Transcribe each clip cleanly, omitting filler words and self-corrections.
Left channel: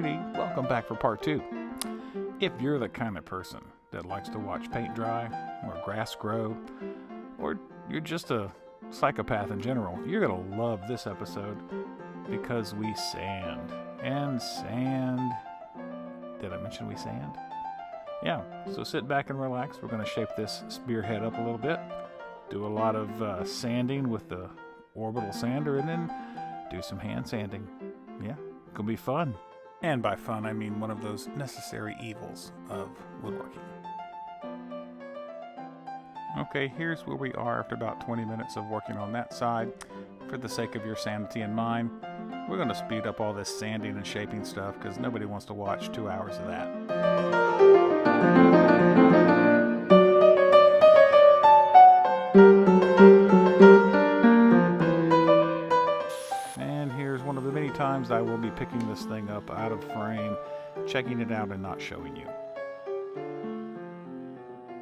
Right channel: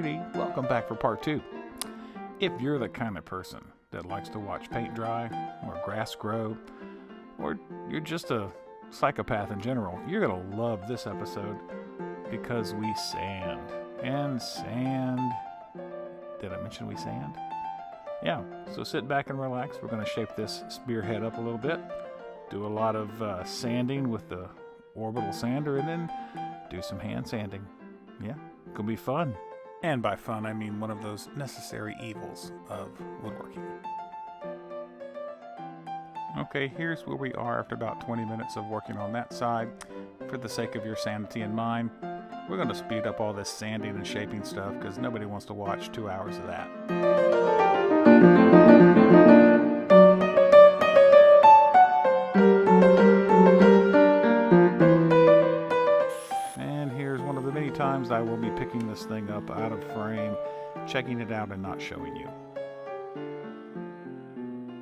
Brady. Welcome back for part 2. If you're the kind of person that likes to watch paint dry, or grass grow, or you're just a psychopath in general, you're going to love this episode because we sand. And sand... Did I mention we sand? Yeah, so sit back and relax. We're going to shape this spearhead up a little bit, do a lot of sanding with the orbital sander, and then do some hand sanding. Yeah, gonna be fun. And by fun, I mean one of those necessary evils of woodworking. Okay, here's where we are after about 20 minutes of working on that side. For the sake of your sanity and mine, we're going to speed up all this sanding and shaping stuff because nobody wants to watch 2 hours of that. And here's one of the many times I will be picking this thing up out of frame, checking it out and not showing you.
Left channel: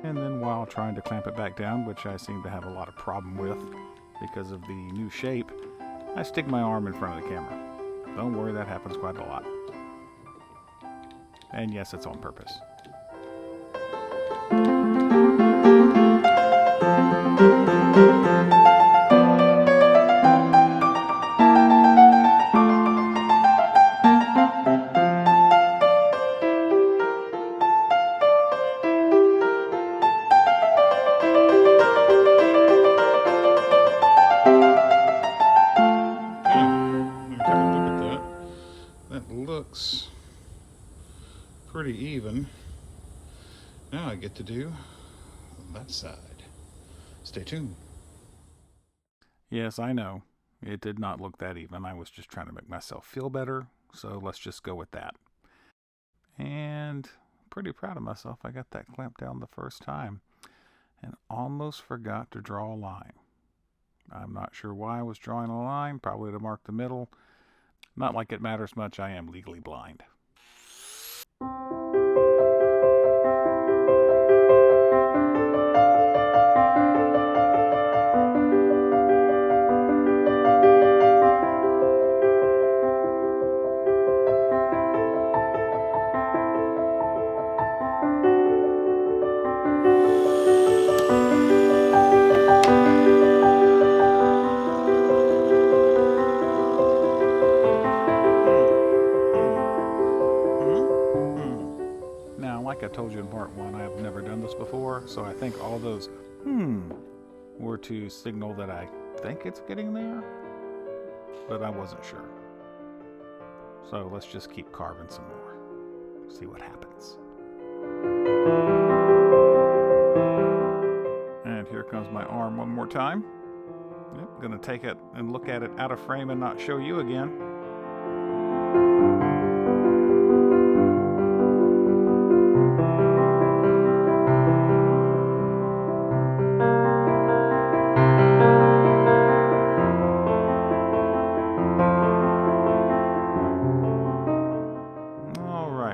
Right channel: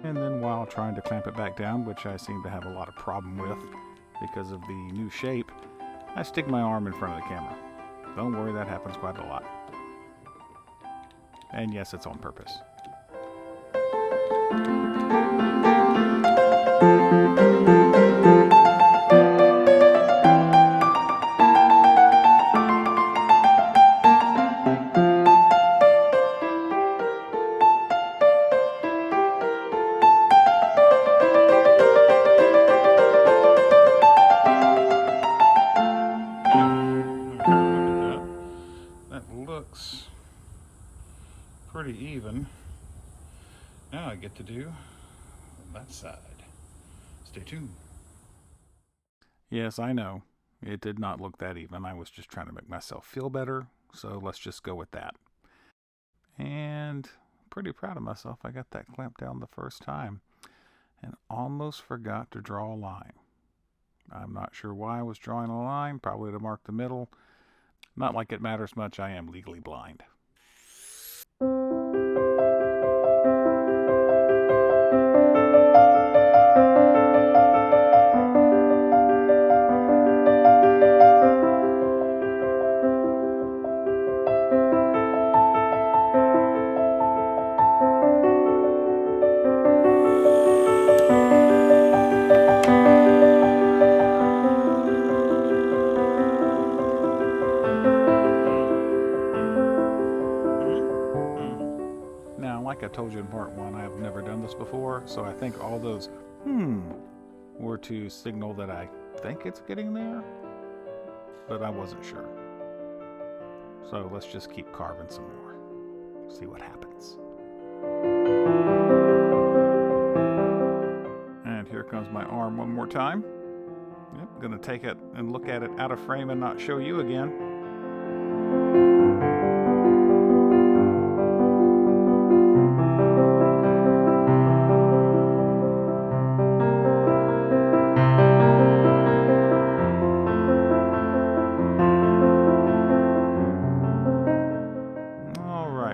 And then while trying to clamp it back down, which I seem to have a lot of problem with because of the new shape, I stick my arm in front of the camera. Don't worry, that happens quite a lot. And yes, it's on purpose. Looks pretty even. Now I get to do that side. Stay tuned. Yes, I know. It did not look that even. I was just trying to make myself feel better, so let's just go with that. And pretty proud of myself. I got that clamped down the first time and almost forgot to draw a line. I'm not sure why I was drawing a line, probably to mark the middle. Not like it matters much, I am legally blind. Like I told you in part 1, I have never done this before, so I think all those were to signal that I think it's getting there, but I wasn't sure. So let's just keep carving some more. See what happens. And here comes my arm one more time. Yep, gonna take it and look at it out of frame and not show you again.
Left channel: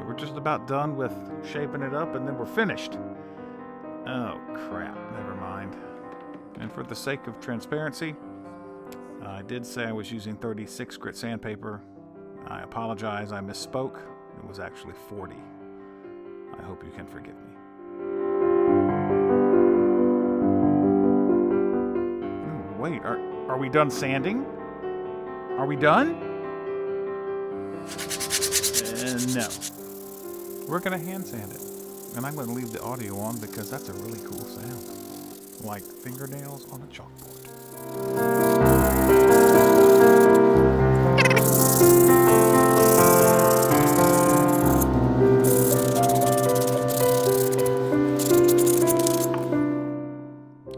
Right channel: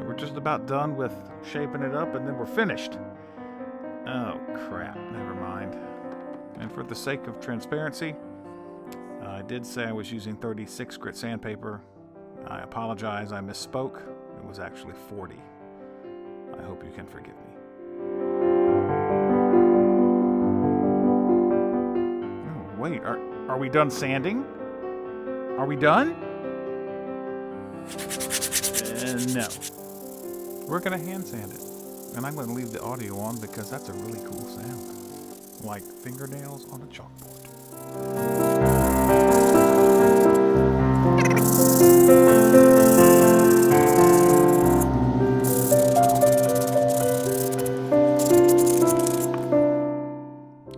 We're just about done with shaping it up and then we're finished. Oh crap, never mind. And for the sake of transparency, I did say I was using 36 grit sandpaper. I apologize, I misspoke. It was actually 40. I hope you can forgive me. Oh, wait, are we done sanding? Are we done? No. We're going to hand sand it. And I'm going to leave the audio on because that's a really cool sound. Like fingernails on a chalkboard.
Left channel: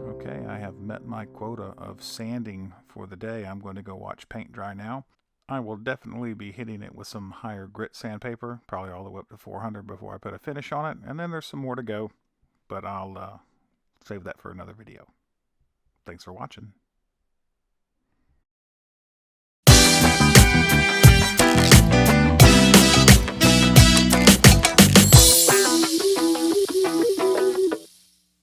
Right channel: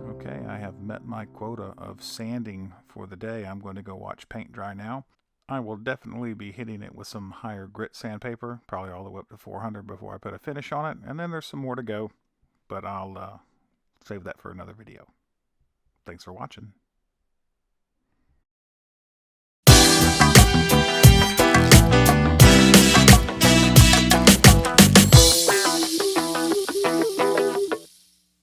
Okay, I have met my quota of sanding for the day. I'm going to go watch paint dry now. I will definitely be hitting it with some higher grit sandpaper, probably all the way up to 400 before I put a finish on it, and then there's some more to go, but I'll save that for another video. Thanks for watching.